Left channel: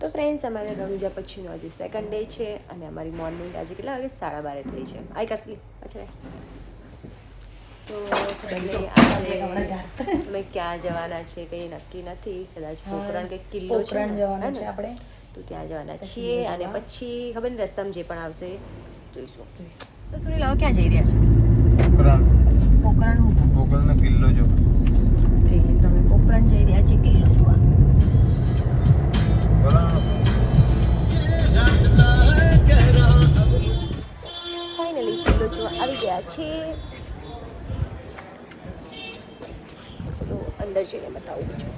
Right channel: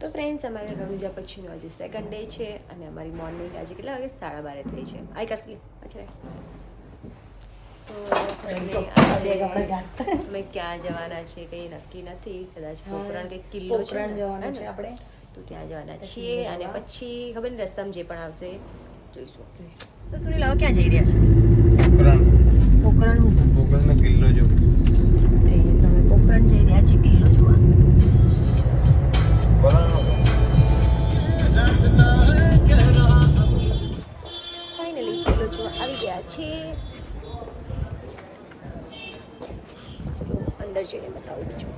તો ફ્રેન્ડ્સ અમારે રણુજા પછીનો આજે સેકન્ડ ડે છે અને અમારી મોર્નિંગ આજે કેટલા વાગે 12:30 થઈ છે. આઈ કસલી અચ્છા તો ખબર નહીં આજે તમે ક્યાં જવાના છે કંઈ નક્કી નથી. કદાચ પોખરણ કંઈક કિલ્લો છે જવાના છે આપણે, તો ત્યાં જવાના છીએ અને પછી ખબર નહીં રસ્તામાં જે પણ આવશે જોઈશું. તો સુરી લાવો ક્યાં જઈ રહ્યા છે? પોખરણ કિલ્લો તમે પોખરણ જઈ રહ્યા છે કિલ્લો જોવા. ફાઇનલી કિલ્લો જોવા આવી ગયા છે. તો અંદર જઈને બતાવું બીજું.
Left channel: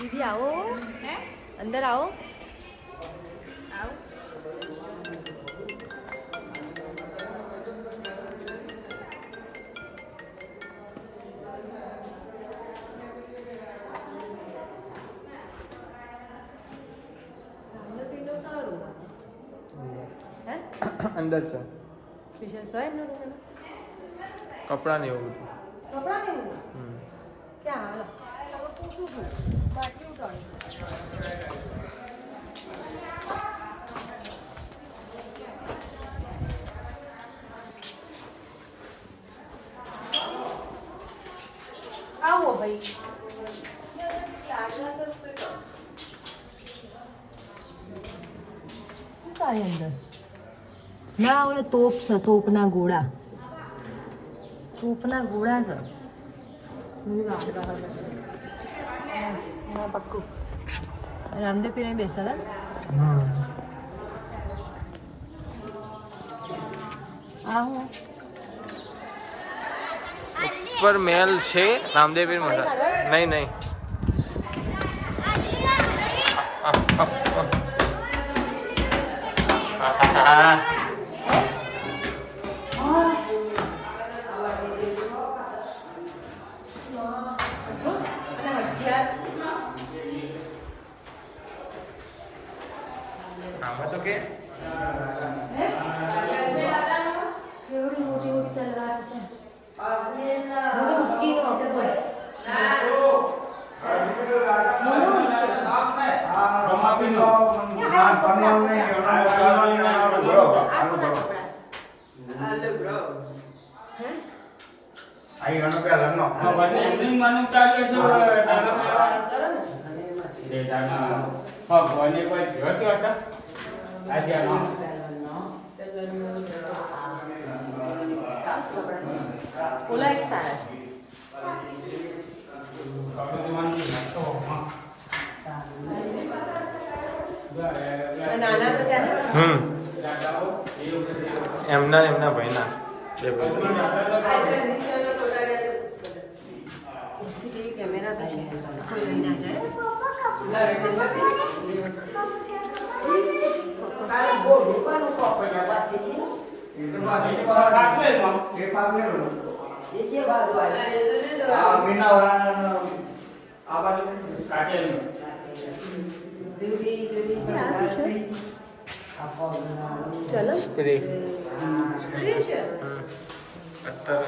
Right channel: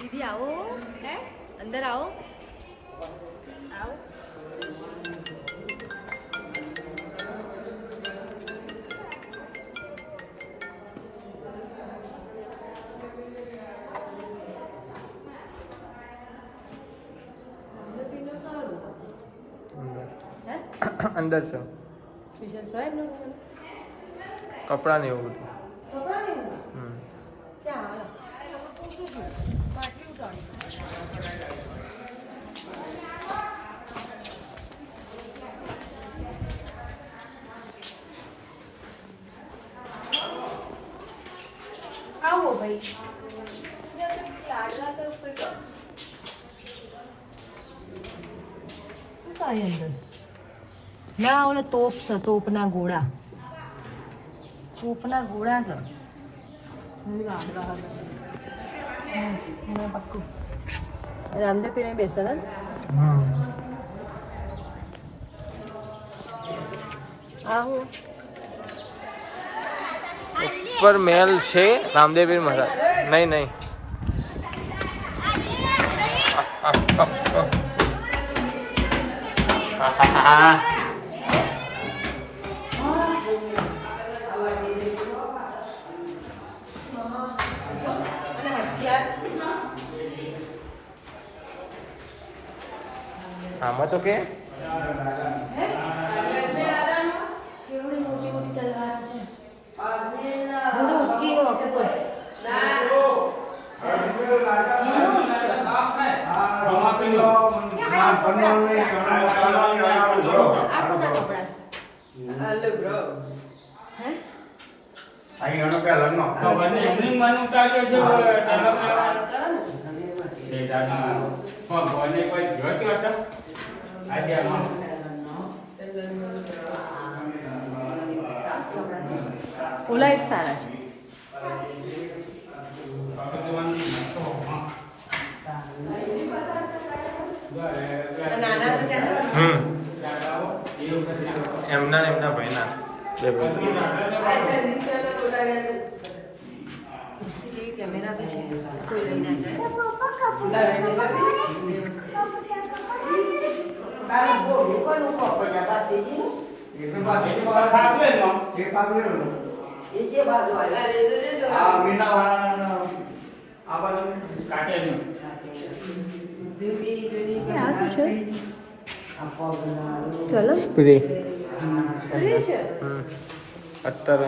દીદી આવો, હે અંદર આવો. આવો. અંદર છે સ્પેશિયલ સોયર નો રૂમ. કપડા ને એવું બધું. કપડા ને એવું ક્યાં હાલો પૂછું છું બાકી ઉઠાડું. આવો ભાઈ. સારી અંદર ના ઓલા તોપ છે, તોપના ગોળા. તોપના ગોળા છે એમાં પક્કું. રામદેવ પીર બેસતા હતા. આ હું ઉપર મહેલ છે રામદેવ પીર મહારાજ. નહીં નહીં આમાં તો કે કેવડી મોટી મોટી તલવાર છે. હું તો ઉચકી નો ઉપર ઓલા એક સારા છે. નાના તો ક્યાં એમના ભાઈના બે ભાઈ. સીસીટીવી કેમેરા કોઈ ના જાય. ચલો સ્પ્રે છે. અત્યારે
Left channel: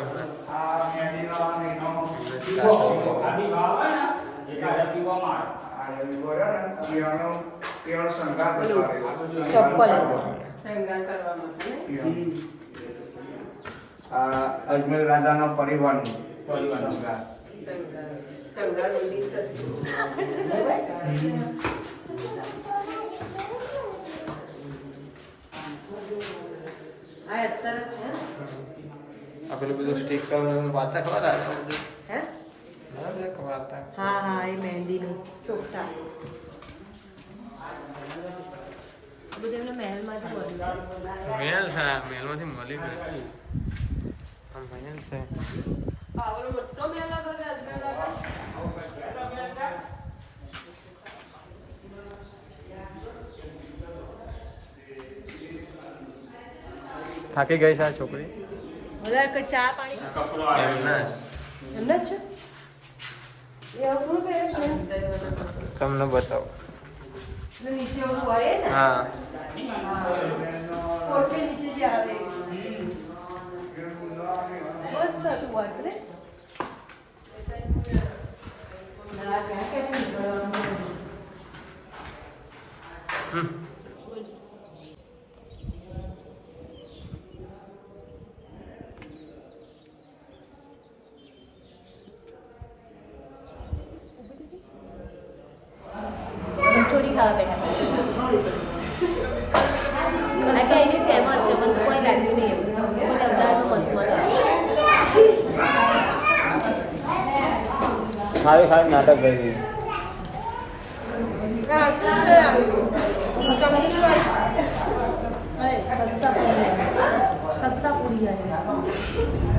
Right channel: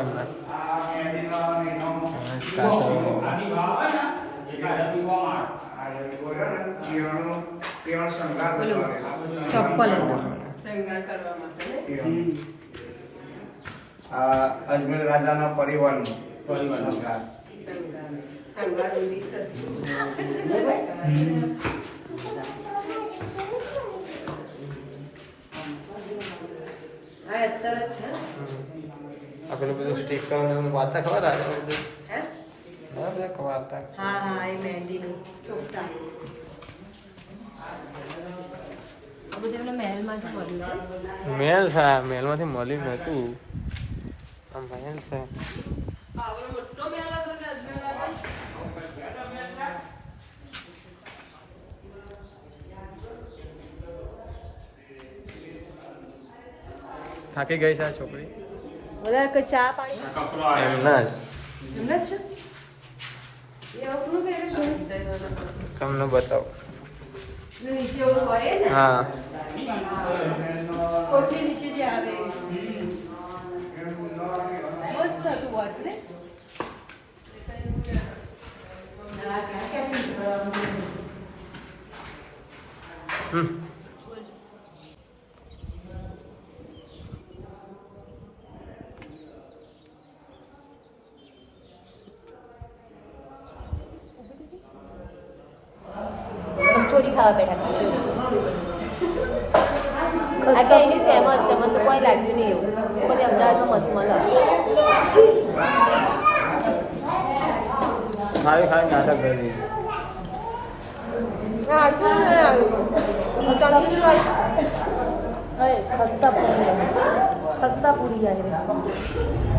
ચપ્પલ અજમેર રાજાનો પરિવારનો આ પેલું બધું સ્ટીકર વાર્તા ખબર આવે બધું વાર્તા. હા હા એ મહેંદીનું ચોકટા બધું એમને મહેલમાંથી મળ્યું. મેલ છે, મેલમાંથી મળી નતું. આમ મહેલ છે. થાકી ગઈ છે આ છોકરી. બધા કોઈ ચા પાણી એમના જ એમના જ છે. તમને બતાવો નીચે ઓલું હોય ને હા કોટની નીચે જે આવે મસ્ત હતું વર્ક ને હમ કચોરી ખાવા બેઠા છે આ ત્યાંની ફેમસ છે મને તો કોઈ લાગ્યું નહીં કોઈ અમદાવાદમાં મસ્ત મળે ખાલી ખાલી નાટક કરી ખસ્તા પૂરી આવી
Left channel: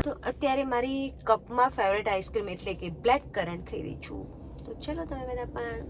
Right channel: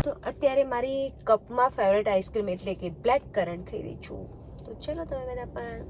તો અત્યારે મારી કપમાં ફેવરેટ આઈસ્ક્રીમ એટલે કે બ્લેક કરન્ટ ખાઈ રહી છું તો ચલો તમે બધા પણ